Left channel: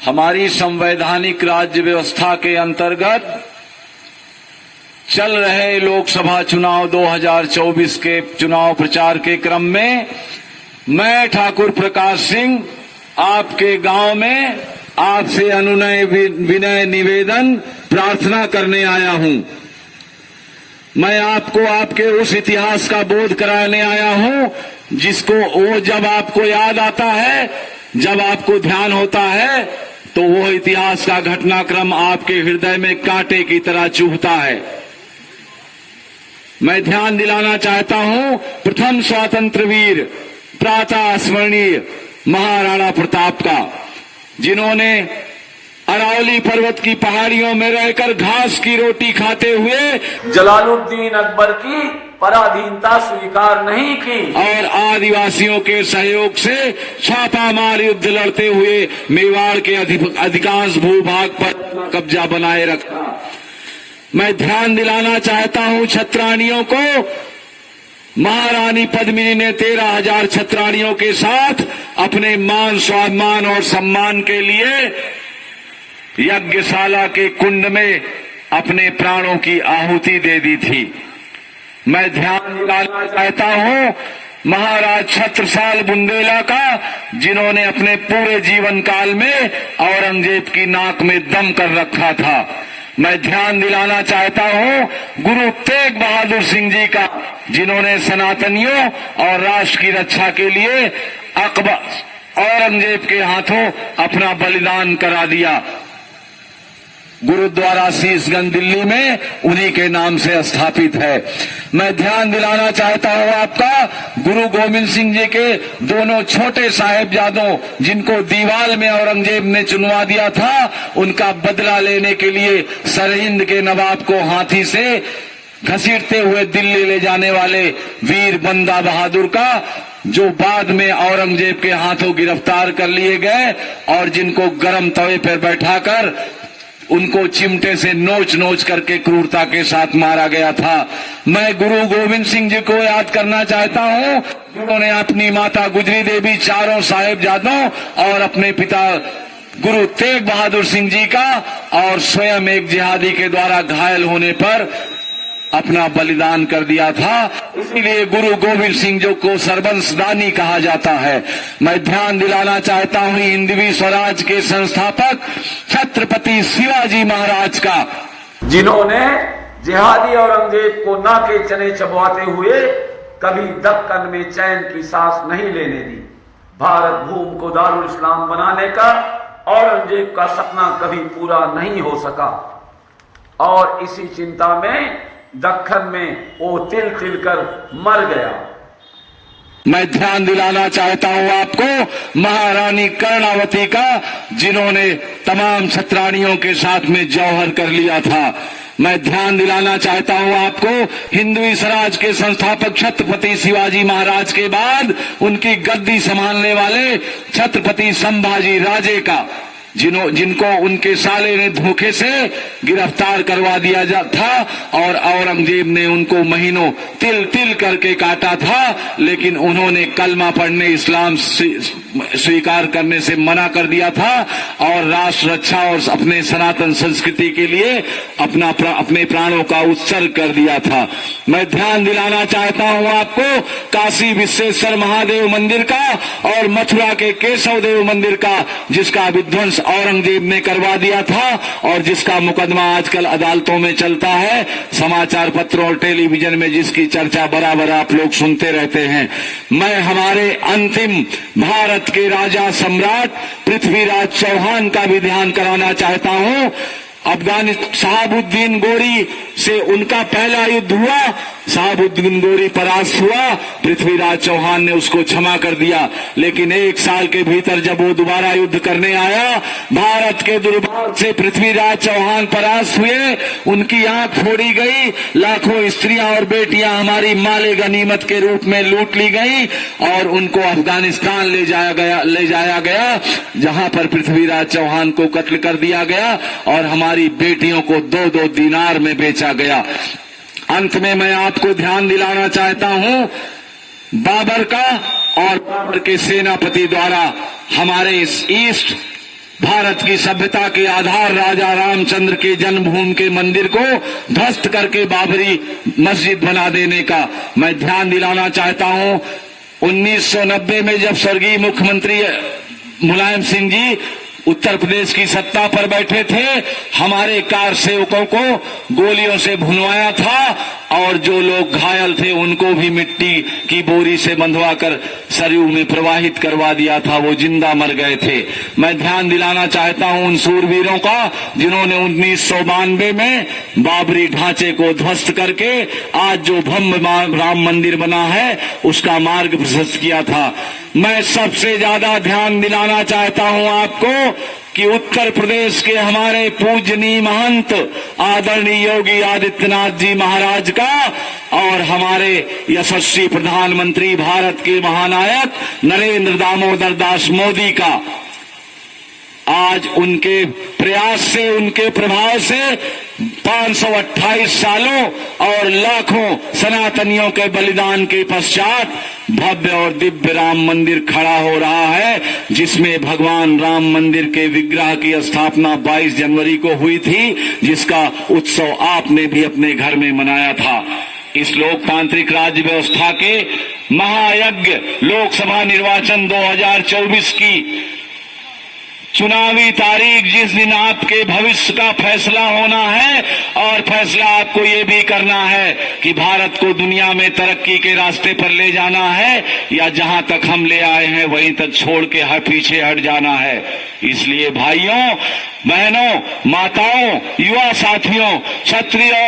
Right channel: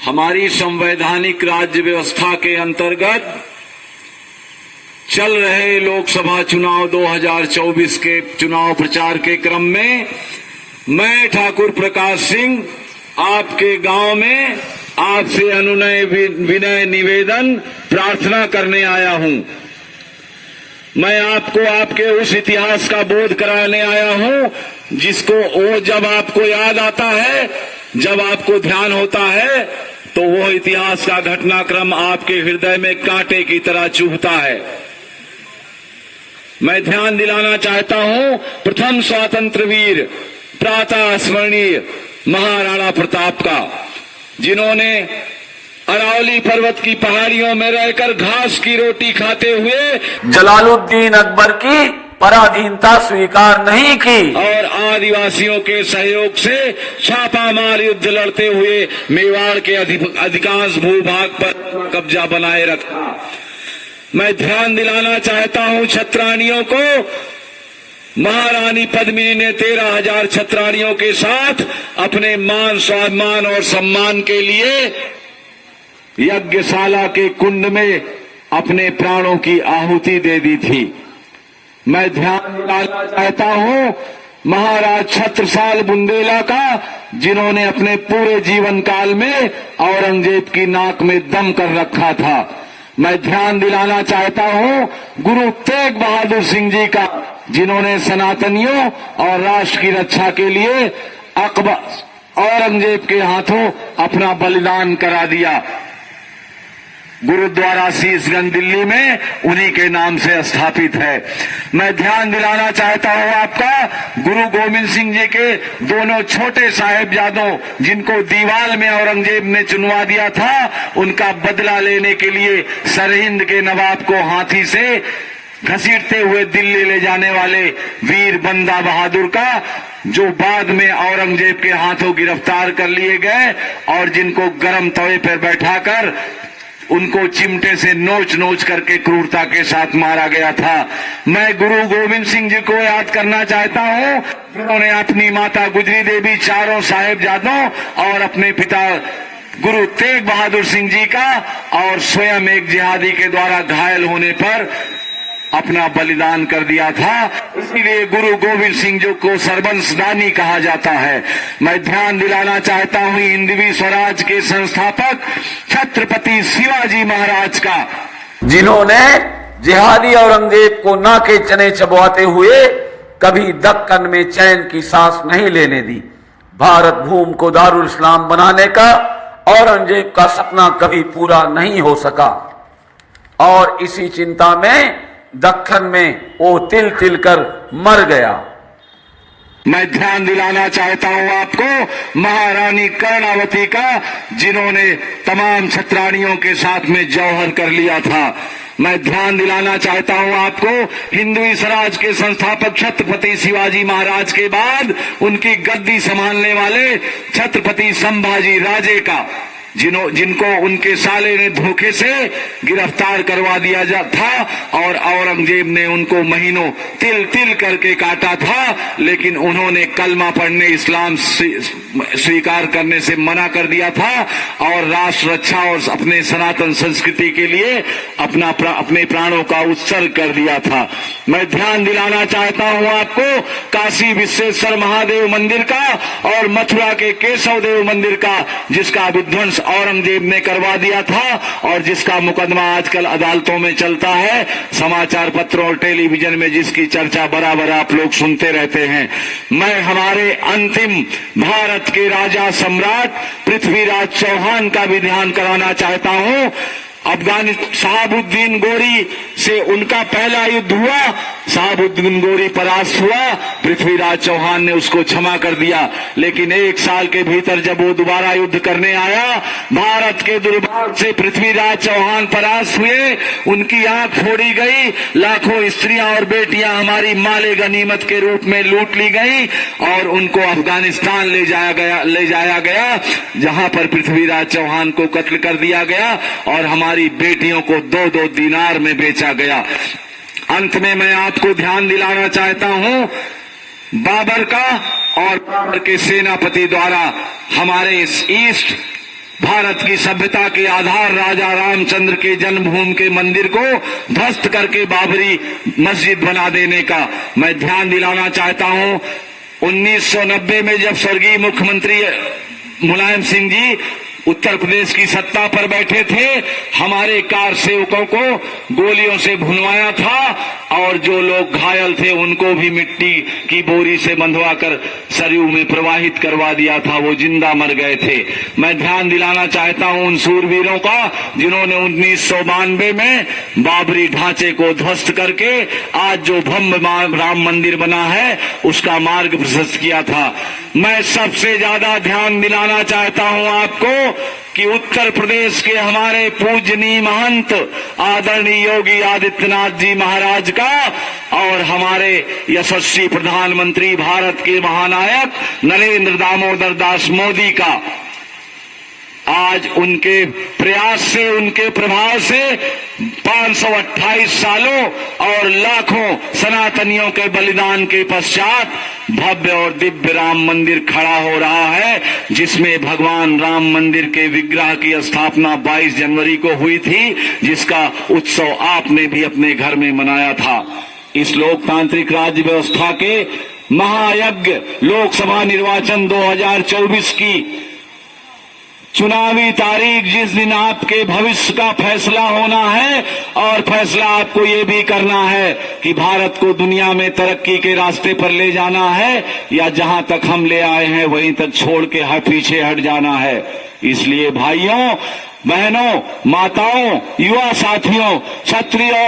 हमारी संवैधानिक राज्य व्यवस्था के अंतर्गत चल रहे लोकसभा चुनाव 2024 के चुनाव प्रचार के क्रम में मैं ठाकुर प्रकाश सिंह आपके गांव में आपसे अनुनय विनय निवेदन प्रार्थना करने आया हूं। मैं आपको आपके उस इतिहास का बोध कराने आया हूं जिसको वो जब आपको याद आता है, जब आपको ध्यान होता है तो वो इतिहास का घटनाक्रम आपके हृदय में कांटे की तरह चुभता है। मैं ध्यान दिलाना चाहता हूं प्रथम स्वातंत्र वीर प्रातः स्मरणीय महाराणा प्रताप का, जिन्होंने अरावली पर्वत की पहाड़ियों में रहकर घास की रोटी खाते हुए जलालुद्दीन अकबर की पराधीनता स्वीकार नहीं की और आदिवासियों के सहयोग से छापामार युद्ध लड़ते हुए मेवाड़ के अधिकांश भूभाग पर कब्जा बनाए रखा। मैं ध्यान दिलाना चाहता हूं छत्राणियों को, महारानी पद्मिनी ने 13,000 छत्राणियों के साथ अपने मान स्वाभिमान और सम्मान के लिए यज्ञशाला के कुंड में अपने प्राणों की आहुति दे दी थी। मैं ध्यान दिलाना चाहता हूं महाराज छत्रसाल बुंदेला का, जिन्होंने अपने पूरे जीवन काल में औरंगजेब की नाक में दम कर रखा था। मैं ध्यान दिलाना चाहता हूं गुरु तेग बहादुर सिंह जी का, जिन्होंने सनातनियों और राष्ट्र की रक्षा के लिए अकबर औरंगजेब के हाथों अपना बलिदान करा दिया। गुरुद्वारा शीशगंज दिल्ली में उन्हीं के नाम से स्थापित है। मैं ध्यान दिलाना चाहता हूं आपका गुरु गोविंद सिंह जी के दोनों छोटे साहेबजादों, जिनको दीवाल में औरंगजेब ने चुनवा दिया था, उनका बदला लेने के लिए सरहिंद के नवाब को हाथी से घसीटते हुए दिल्ली ले जाने वाले वीर बंदा बहादुर का, जो बाद में औरंगजेब के हाथों गिरफ्तार कर लिए गए और जिनको गर्म तवे पर बैठाकर उनको चिमटे से नोच नोच करके क्रूरता के साथ मारा गया था। मैं गुरु गोविंद सिंह जी को याद करना चाहता हूं, जिन्होंने अपनी माता गुजरी देवी, चारों साहेबजादों और अपने पिता गुरु तेग बहादुर सिंह जी का और स्वयं एक जिहादी के द्वारा घायल होने पर अपना बलिदान कर दिया था। इसीलिए गुरु गोविंद सिंह जी को सर्वंसदानी कहा जाता है। मैं ध्यान दिलाना चाहता हूं हिंदवी स्वराज के संस्थापक छत्रपति शिवाजी महाराज का, जिन्होंने जिहादी औरंगजेब को नाके चने चबवाते हुए कभी दक्कन में चैन की सांस नहीं लेने दी। भारत भूमि को दारुल इस्लाम बनाने का औरंगजेब का सपना कभी पूरा नहीं हो सका और इसी चिंता में दक्कन में वो तिल तिल कर मर गया। मैं ध्यान दिलाना चाहता हूं आपको महारानी कर्णावती का, जिन्होंने तमाम छत्राणियों के साथ में जौहर कर लिया था। मैं ध्यान दिलाना चाहता हूं आपको हिंदवी स्वराज के संस्थापक छत्रपति शिवाजी महाराज के बाद उनकी गद्दी संभालने वाले छत्रपति संभाजी राजे का, जिनको उनके साले ने धोखे से गिरफ्तार करवा दिया था और औरंगजेब ने उनको महीनों तिल तिल करके काटा था, लेकिन उन्होंने कलमा पढ़ने, इस्लाम स्वीकार करने से मना कर दिया था और राष्ट्र रक्षा और अपने सनातन संस्कृति के लिए अपने प्राणों का उत्सर्ग कर दिया था। मैं ध्यान दिलाना चाहता हूं आपको काशी विश्वेश्वर महादेव मंदिर का और मथुरा के केशव देव मंदिर का, जिसका विध्वंस औरंगजेब ने करवा दिया था और जिसका मुकदमा आजकल अदालतों में चलता है, समाचार पत्रों और टेलीविजन में जिसकी चर्चा बराबर आप लोग सुनते रहते हैं। मैं हमारे अंतिम भारत के राजा सम्राट पृथ्वीराज चौहान का भी ध्यान कराना चाहता हूं। शहाबुद्दीन गोरी से उनका पहला युद्ध हुआ, शहाबुद्दीन गोरी परास्त हुआ, पृथ्वीराज चौहान ने उसको क्षमा कर दिया, लेकिन 1 साल के भीतर जब वो दोबारा युद्ध करने आया, भारत के दुर्भाग्य से पृथ्वीराज चौहान परास्त हुए, उनकी आंख फोड़ी गई, लाखों स्त्रियां और बेटियां हमारी माले गनीमत के रूप में लूट ली गई और उनको अफगानिस्तान ले जाया गया, जहां पर पृथ्वीराज चौहान को कत्ल कर दिया गया और हमारी बेटियों को 2-2 दीनार में बेचा गया। अंत में मैं आपको ध्यान दिलाना चाहता हूं बाबर का और बाबर के सेनापति द्वारा हमारे ईस्ट भारत की सभ्यता के आधार राजा रामचंद्र के जन्मभूमि के मंदिर को ध्वस्त करके बाबरी मस्जिद बना देने का मैं ध्यान दिलाना चाहता हूं। 1990 में जब स्वर्गीय मुख्यमंत्री मुलायम सिंह जी उत्तर प्रदेश की सत्ता पर बैठे थे, हमारे कार सेवकों को गोलियों से भुनवाया था और जो लोग घायल थे उनको भी मिट्टी की बोरी से बंधवाकर सरयू में प्रवाहित करवा दिया था, वो जिंदा मर गए थे। मैं ध्यान दिलाना चाहता हूं उन सूरवीरों का जिन्होंने 1992 में बाबरी ढांचे को ध्वस्त करके आज जो भव्य राम मंदिर बना है उसका मार्ग प्रशस्त किया था। मैं सबसे ज्यादा ध्यान दिलाना चाहता हूं आपको कि उत्तर प्रदेश के हमारे पूजनीय महंत आदरणीय योगी आदित्यनाथ जी महाराज का और हमारे यशस्वी प्रधानमंत्री भारत के महानायक नरेंद्र दामोदर दास मोदी का आज उनके प्रयास से, उनके प्रभाव से 528 सालों और लाखों सनातनियों के बलिदान के पश्चात भव्य और दिव्य राम मंदिर खड़ा हो रहा है, जिसमें भगवान राम मंदिर के विग्रह की स्थापना 22 जनवरी को हुई थी, जिसका उत्सव आपने भी अपने घर में मनाया था। इस लोकतांत्रिक राज्य व्यवस्था के महायज्ञ लोकसभा निर्वाचन 2024 की चुनावी तारीख जिस दिन आपके भविष्य का फैसला होना है, और फैसला आपको ये भी करना है कि भारत को दुनिया में तरक्की के रास्ते पर ले जाना है या जहां तक हम ले आए हैं वहीं तक छोड़ के पीछे हट जाना है। इसलिए भाइयों, बहनों, माताओं, युवा साथियों, क्षत्रियों